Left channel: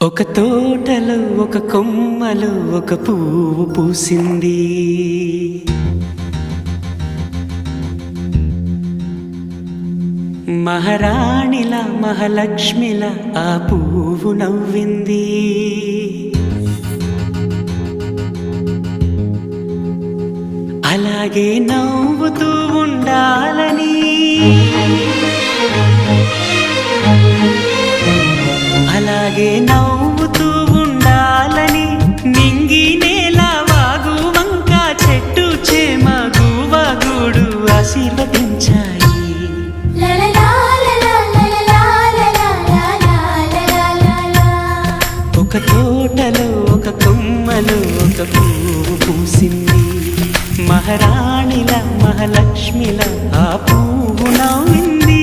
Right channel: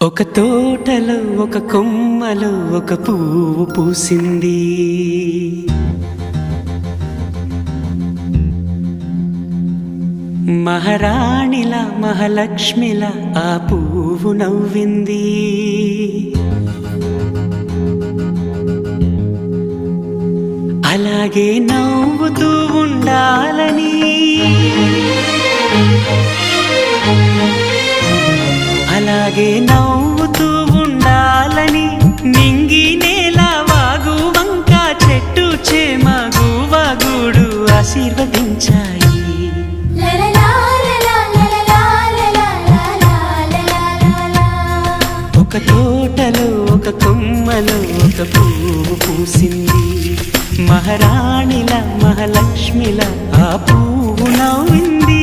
ఒక తోటలో ఒక కొమ్మలో ఒక పువ్వు పూసింది. మహారాణిలా మహాలక్ష్మిలా ఆ పువ్వు నవ్వింది. అలాగే నవ్వుతూ ఉండాలని, అలాగే నవ్వుతూ ఉండాలని నింగి నేల వాగు వంక చెట్టు చేమ గువగూడు ఆశీర్వదించాయి. ఒక తోటలో ఒక కొమ్మలో ఒక పువ్వు పూసింది. మహారాణిలా మహాలక్ష్మిలా ఆ పువ్వు నవ్వింది.